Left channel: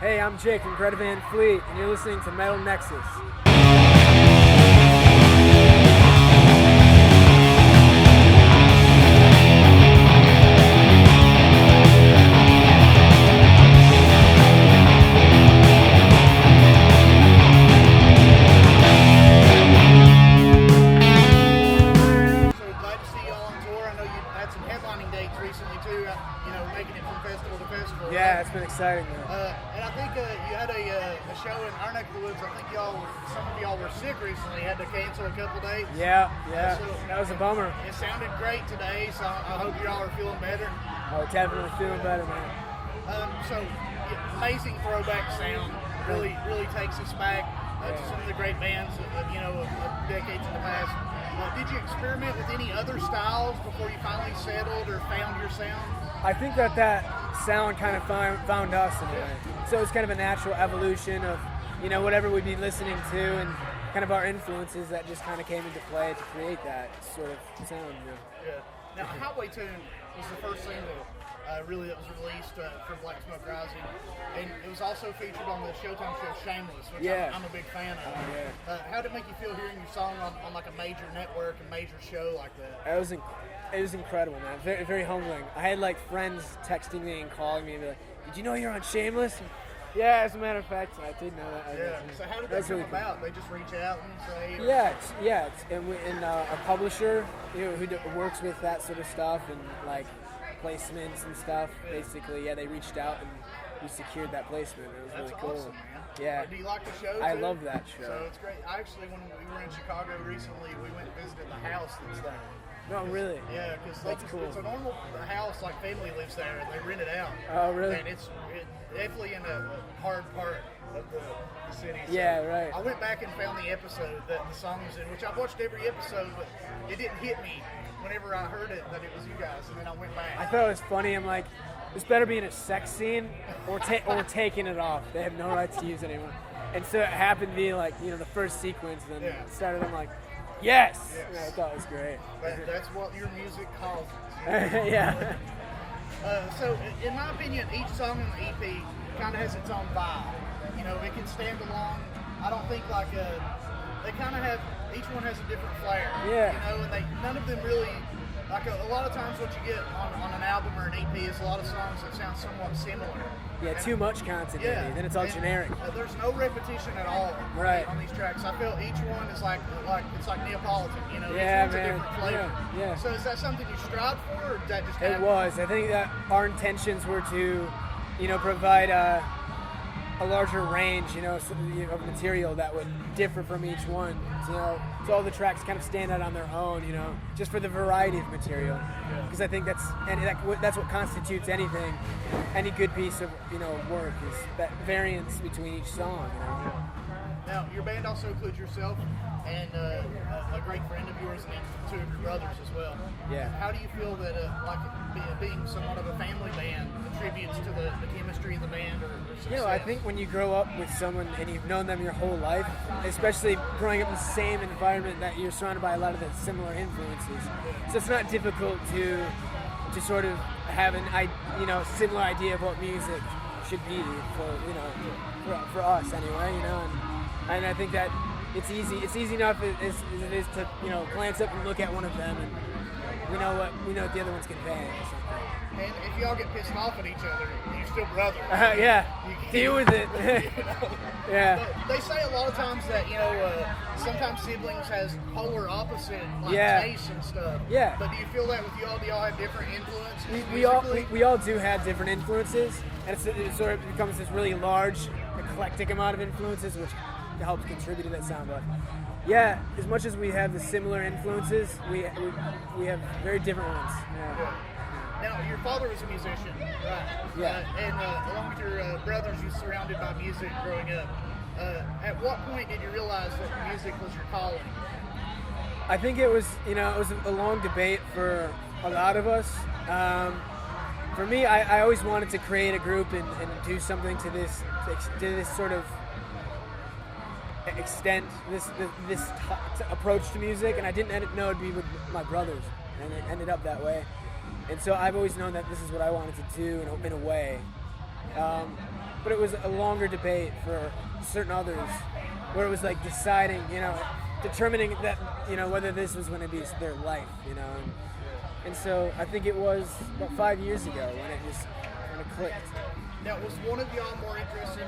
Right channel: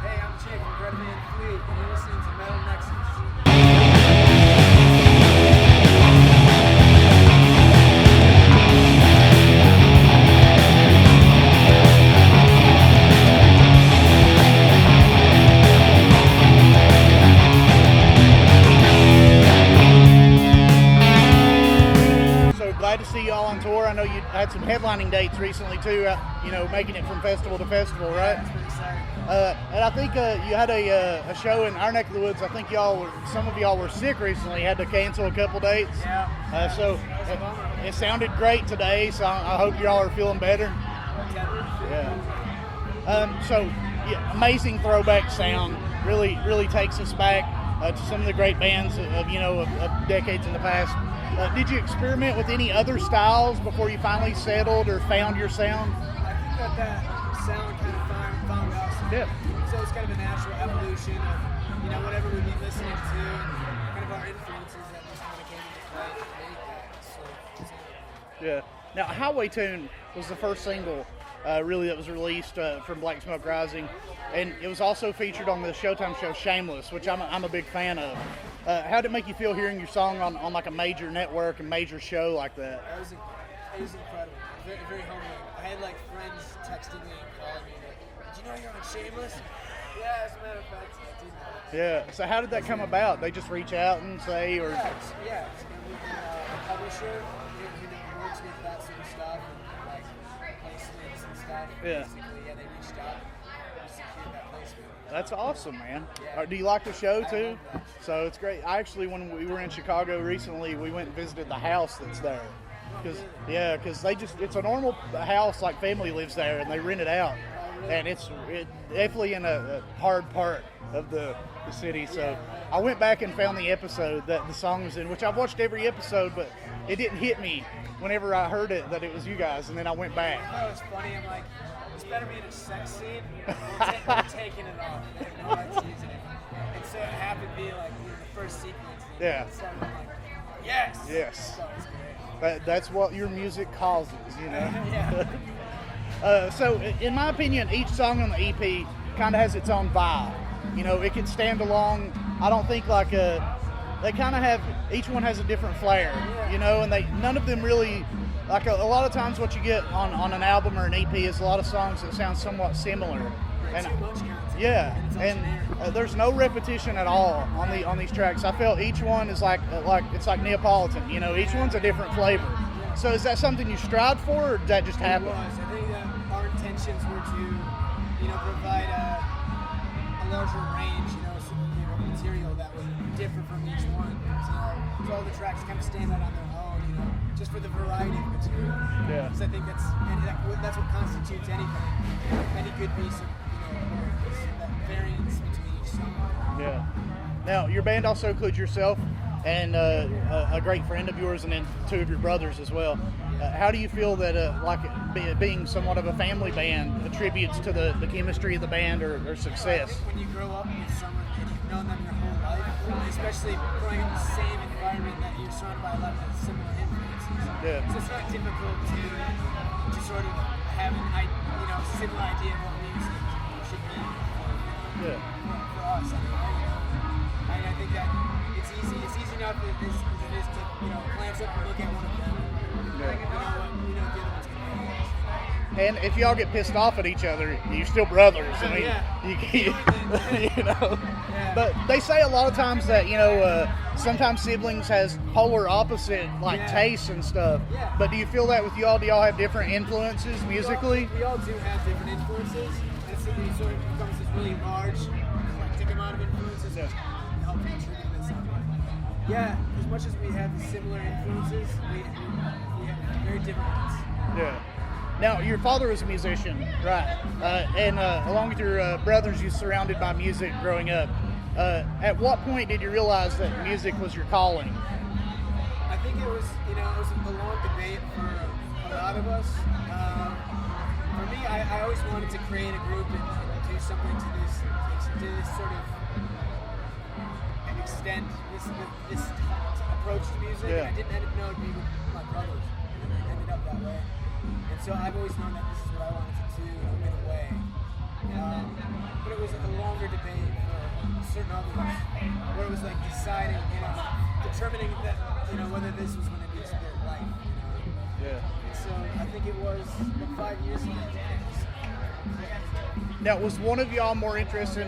Hey, I'm Jake from Greta Van Fleet, and you're listening to Metal Nexus. Glad to see y'all on tour. I know you had some headlining dates recently too, making it from festival to festival, right? Yeah, it's been exciting. And I think you had a show in our neck of the woods. I think some of y'all were sick recently, had to cancel a couple dates. Yeah, so that was a bummer. It sounded great today, so I hope y'all are feeling better. Oh, definitely feeling better, man. Amazing throwback sound. Really takes us back to some of the great bands of decades in the past. Did you experiment with any other styles before you finally settled or found your sound? I think that sound kind of found us. Yeah. So it's kind of a natural evolution of, whatever we'd be listening to and kind of our influences that just kind of came into play to create that sort of sound. Yeah. Now, Highway Tune was the first single that was released from Black Smoke Rising, and it was also featured on the Showtime show Shameless, which I'm a big fan of. How did it make you feel hearing your song on like a major network and major show like that? It was incredible, man. Very, very humbling. I had like friends texting me and calling me and be like, "Did you know you're on Shameless?" Yeah, as a matter of fact, I did know that. Yeah. So how did that come about? They just reach out and say, or and a publisher who works with that sort of stuff and like placements and stuff. Yeah. Basically, they reached out and we secured that placement. That's really awesome, cool. Man. Yeah. Do you like the show too? I love that show. So it's great. I actually, when we were in Chicago recently, we went and visited the house that's there. Oh, really? Yeah, because it's a normal house, like family lives there, and they rent it out. Oh, really? And it's definitely in a hard part of the city. So yeah, right. I went back and found the episode that the song was in, which I've watched every episode, but it didn't hit me whenever I heard it that it was you guys, and then I went back. I thought it was funny. I'm like, this better be in a sex scene or taking it off. They have no right to use it anymore. And so it happened to be like, the first sequence, and then it started, I'm like, yes! Yes. I thought it was great. That's what your music causes. Yeah. So, in my opinion, each song on the EP kind of has its own vibe. It can stand alone. I don't think they kind of have, each one has a different flair. Yeah. And none of them really, like a lot of times what you get on an album or an EP is a lot of songs that sound somewhat similar. Yeah, and too much content. Yeah, and it's all generic. There's no repetition at all on these tracks. I felt each one is like it's like Neapolitan. Each one's a different flavor. Yeah. So is that something you strived for, or did that just happen? It was. I think that our intentions were to, provide a larger range, of material that would differ from each one. So all the tracks kind of stand out on their own, just for the variety of material. Yeah. Because I think that's what constitutes anything, any good piece of work is that variance between each song. Yeah. Now your band also includes yourself and a great friend of yours, and then two of your brothers as well. Yeah. How do you feel that being somewhat of a family band attributes to the chemistry of the band or success? I think when you grow up with someone and you've known them your whole life, especially growing up in the same environment that you're surrounded by a lot of the similar influences, so it's not difficult to sort of have similar idea of what music should be for us anyway, and I think that it's easy enough as it is to glance up and look at one of them and we know what the other one's gonna be. And if y'all get pissed off at each other, you're still brothers. You can deal with it. Yeah. But they say a lot of times that sometimes siblings has polar opposite tastes and stuff. Yeah. But do you feel that with y'all? Do y'all have different influences musically? We all do have different influences, and it sort of becomes this really large, eclectic amount of influences, which helps contribute to that sound. But yeah, as much as we have the similar influences, we have very different ones. Yeah. Now, your father was a musician, right? And along with your brothers, you were surrounded by music growing up. At what point did you realize that music was your calling? I think it was a long debate for a lot of us. For me, I always wanted to create a group and do something to this sort of extent, this approach to music, and I didn't know it'd be with my brothers, and it ended up that way. And so I've always known that this is what I wanted to do in a way. But it was a longer debate for certain others, where it was like deciding, determining that, whether this was going to be their life, And so I think it was about 5 years ago when it just kind of clicked. Now, was one of y'all more interested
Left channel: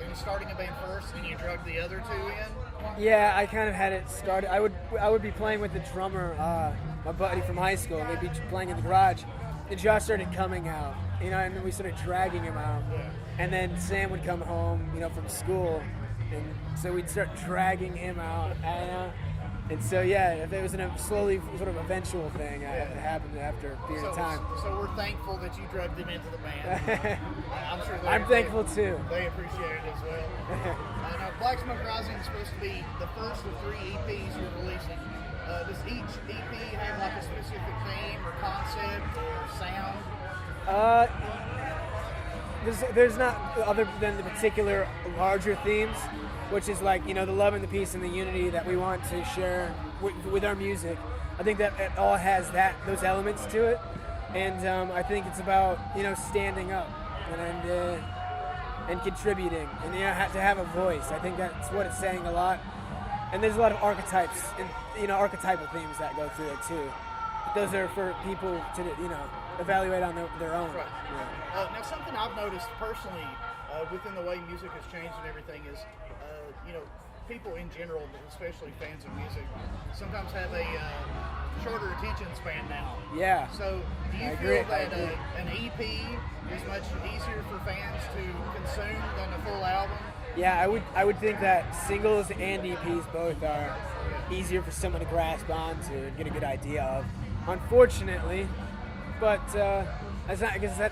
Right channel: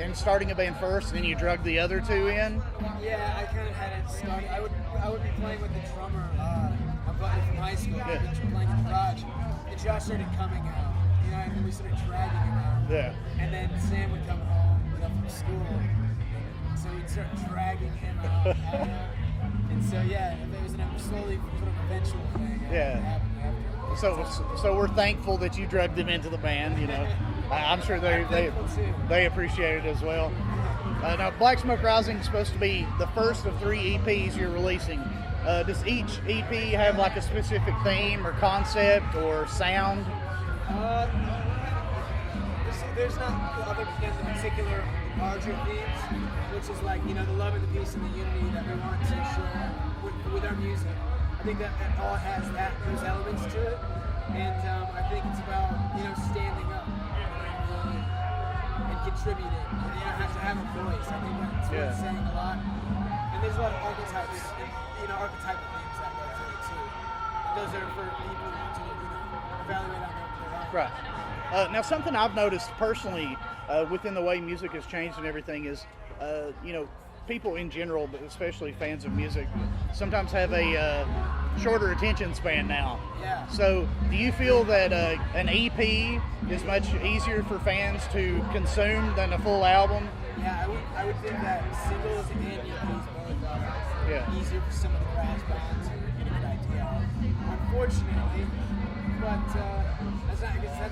in starting a band first, and you drug the other two in? Yeah, I kind of had it started. I would be playing with the drummer, my buddy from high school. We'd be playing in the garage, and Josh started coming out, and then we started dragging him out. Yeah. And then Sam would come home, from school, and so we'd start dragging him out. And so, yeah, it was a slowly sort of eventual thing. It happened after a period of time. So we're thankful that you drugged them into the band. I'm sure I'm thankful too. They appreciate it as well. Now, Black Smoke Rising is supposed to be the first of 3 EPs you're releasing. Does each EP have like a specific theme or concept or sound? There's not, other than the particular larger themes, which is like, the love and the peace and the unity that we want to share with our music. I think that it all has those elements to it, and I think it's about standing up and contributing, and have to have a voice. I think that's what it's saying a lot. And there's a lot of archetypes and archetypal themes that go through it too. Those are for people to evaluate on their own. Right. Now, something I've noticed personally within the way music has changed and everything is, people in general, but especially fans of music, sometimes have a shorter attention span now. Yeah. So, do you feel that an EP is much easier for fans to consume than a full album? Yeah, I would think that singles and EPs both are easier for someone to grasp on to get a good idea of. Unfortunately, but that's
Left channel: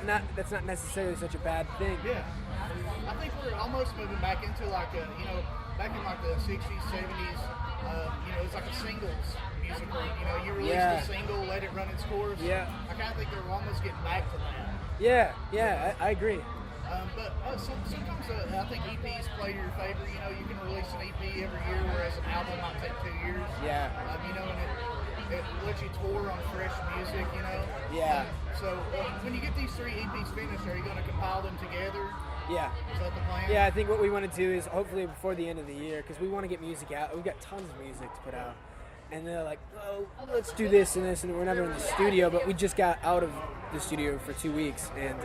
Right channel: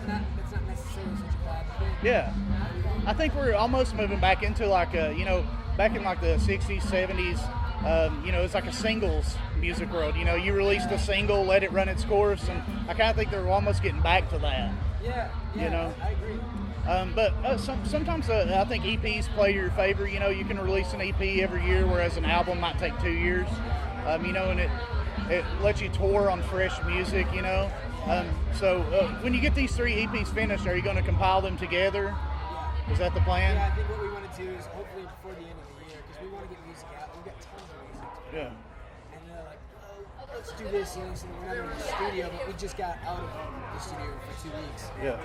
not necessarily such a bad thing. Yeah, I think we're almost moving back into like back in like the 60s, 70s. It's like a singles music world. You released a single, let it run its course. Yeah. I kind of think they're almost getting back to that. Yeah, I agree. But sometimes I think EPs play to your favor. You can release an EP every year, whereas an album might take 2 years. Yeah. And it lets you tour on fresh music. Yeah. So when you get these 3 EPs finished, are you going to compile them together? Yeah. Is that the plan? Yeah, I think what we want to do is hopefully before the end of the year, because we want to get music out. We've got tons of music to put out. And they're like, oh, let's do this and this, and we're never in the studio, but we just got out of the studio for 2 weeks. And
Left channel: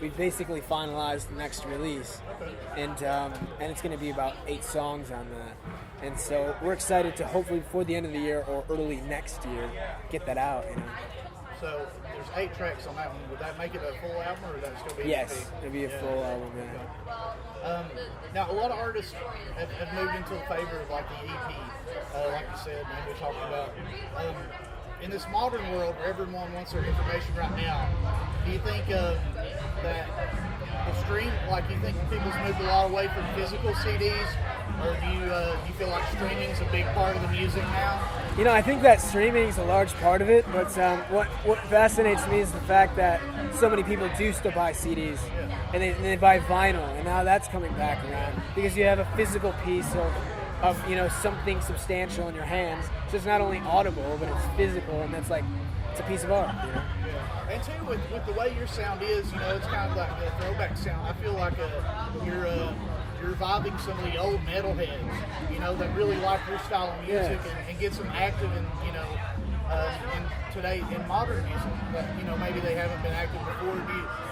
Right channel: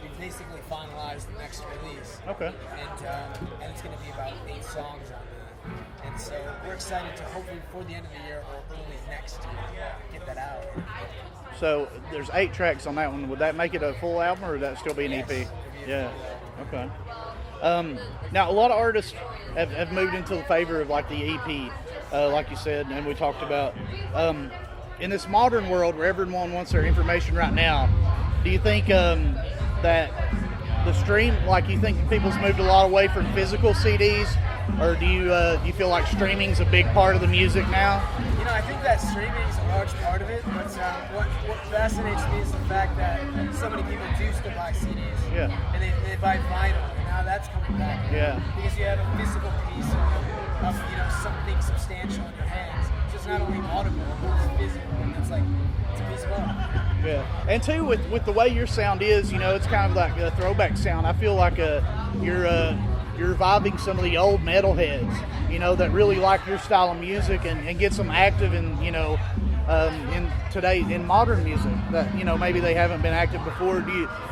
we basically finalized the next release. Okay. And it's going to be about 8 songs on that. And so we're excited to hopefully before the end of the year or early next year get that out. So there's 8 tracks on that one. Would that make it a full album, or would that still be an EP? Yes, it'd be a full album. Okay. Now, a lot of artists have moved into the favor of like the EP, like you said, and we talked about. In this modern world where everyone wants their information right now, do you think that the stream, like you think people's moved a lot away from physical CDs, or do you feel like streaming's a big part of the music now? I think that streaming is a large part of it, but what fascinates me is the fact that so many people do still buy CDs, and they buy vinyl, and now that's coming back around, because you have a physical piece of something substantial in your hands. So it's not only audible, but it's physical, and it's a piece of art. Yeah, and too with the way your sound is, it's kind of like a throwback sound. I feel like you're reviving some of the old metalheads, that really like your style of music and gets them active in modern music that maybe they haven't been active before.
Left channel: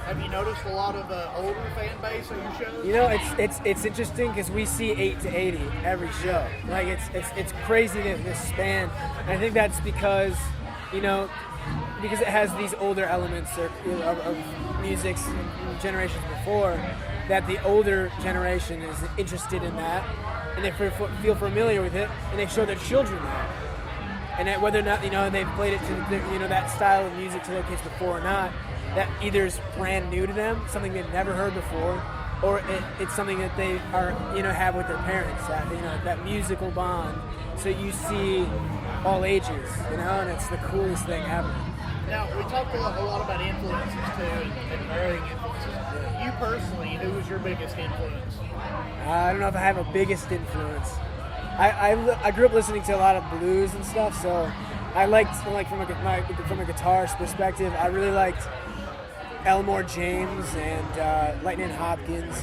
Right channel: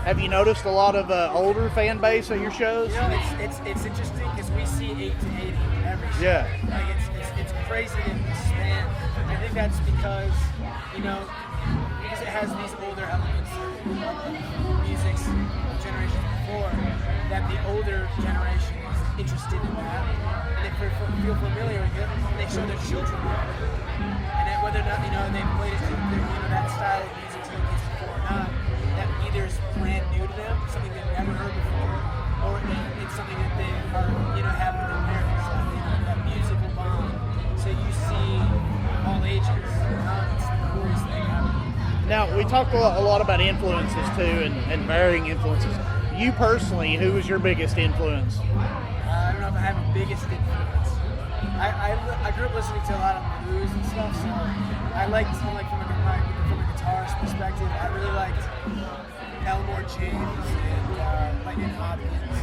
Have you noticed a lot of older fan base at your shows? It's interesting because we see 8 to 80 every show. Yeah. Like it's crazy the span. I think that's because because it has these older elements of music's generations before, that the older generation is interested in that, and they feel familiar with it, and they show their children that. And that whether or not they've played it to that style of music to their kids before or not, that either is brand new to them, something they've never heard before, or it's something that they are have with their parents. That musical bond. So you see all ages, and it's the coolest thing ever. Now, we talked a lot about influences too, and varying influences. You personally, who was your biggest influence? I don't know if I have a biggest influence. I grew up listening to a lot of blues and stuff, so I liked from a guitarist perspective. I really liked Elmore James and Lightning Hopkins,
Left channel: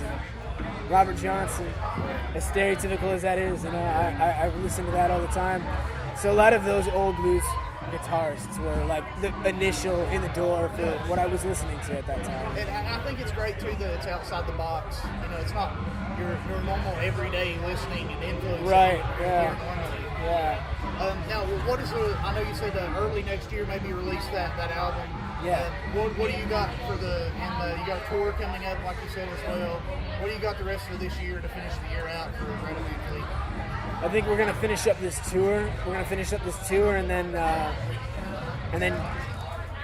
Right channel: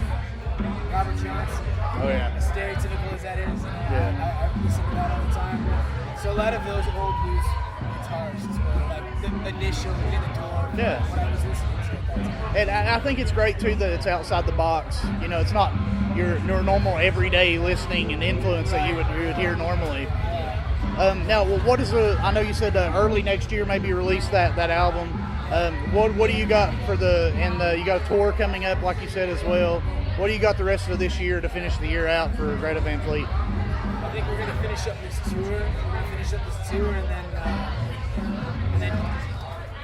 and Robert Johnson. Oh, yeah. As stereotypical as that is, I listen to that all the time. So a lot of those old blues guitarists were like the initial in the door for what I was listening to at that time. And I think it's great too that it's outside the box. You know, it's not your normal everyday listening and influence that you would hear normally. Yeah. Now, what is I know you said early next year maybe release that album. Yeah. What do you got for you got a tour coming up like you said as well. What do you got the rest of this year to finish the year out for Greta Van Fleet? I think we're gonna finish up this tour. And then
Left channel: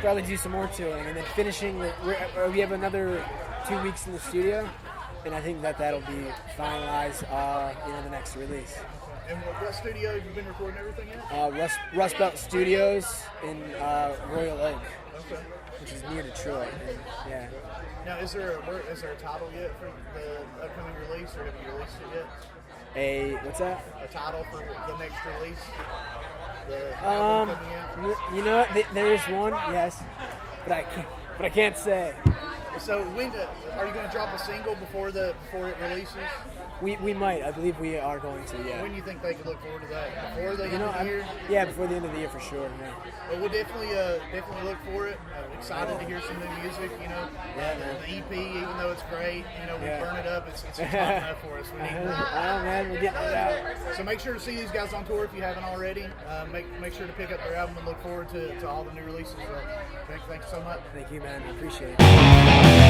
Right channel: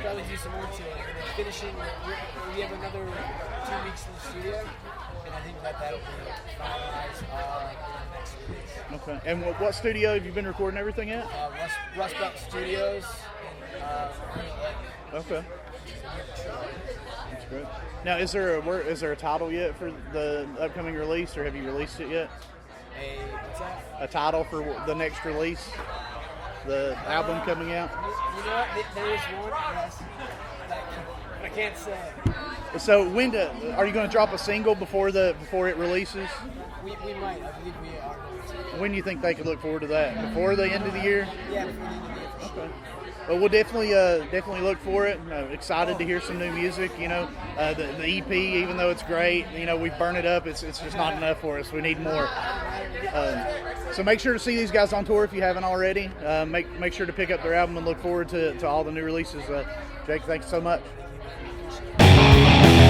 probably do some more touring, and then finishing. We have another 2 weeks in the studio, and I think that'll be finalized in the next release. Okay. And what studio have you been recording everything at? Rust Belt Studios in Royal Lake. Okay. Which is near Detroit. Yeah. Now, is there a title yet for the upcoming release, or have you released it yet? What's that? A title for the next release? The album coming out? You know what? There is one, yes, but I can't say. So are you going to drop a single before it releases? We might. I believe we are going to. Yeah. When do you think they could look forward to that? Before the end of the year? Yeah, before the end of the year for sure. Yeah. Well, we'll definitely look for it. Excited to hear some new music. You know, the EP, even though it's great, you know, we burn it up. It's just not enough for us. We need more. So make sure to see these guys on tour if you haven't already. Make sure to pick up their album and look forward to all the new releases. Jake, thanks so much. Thank you, man. I appreciate it.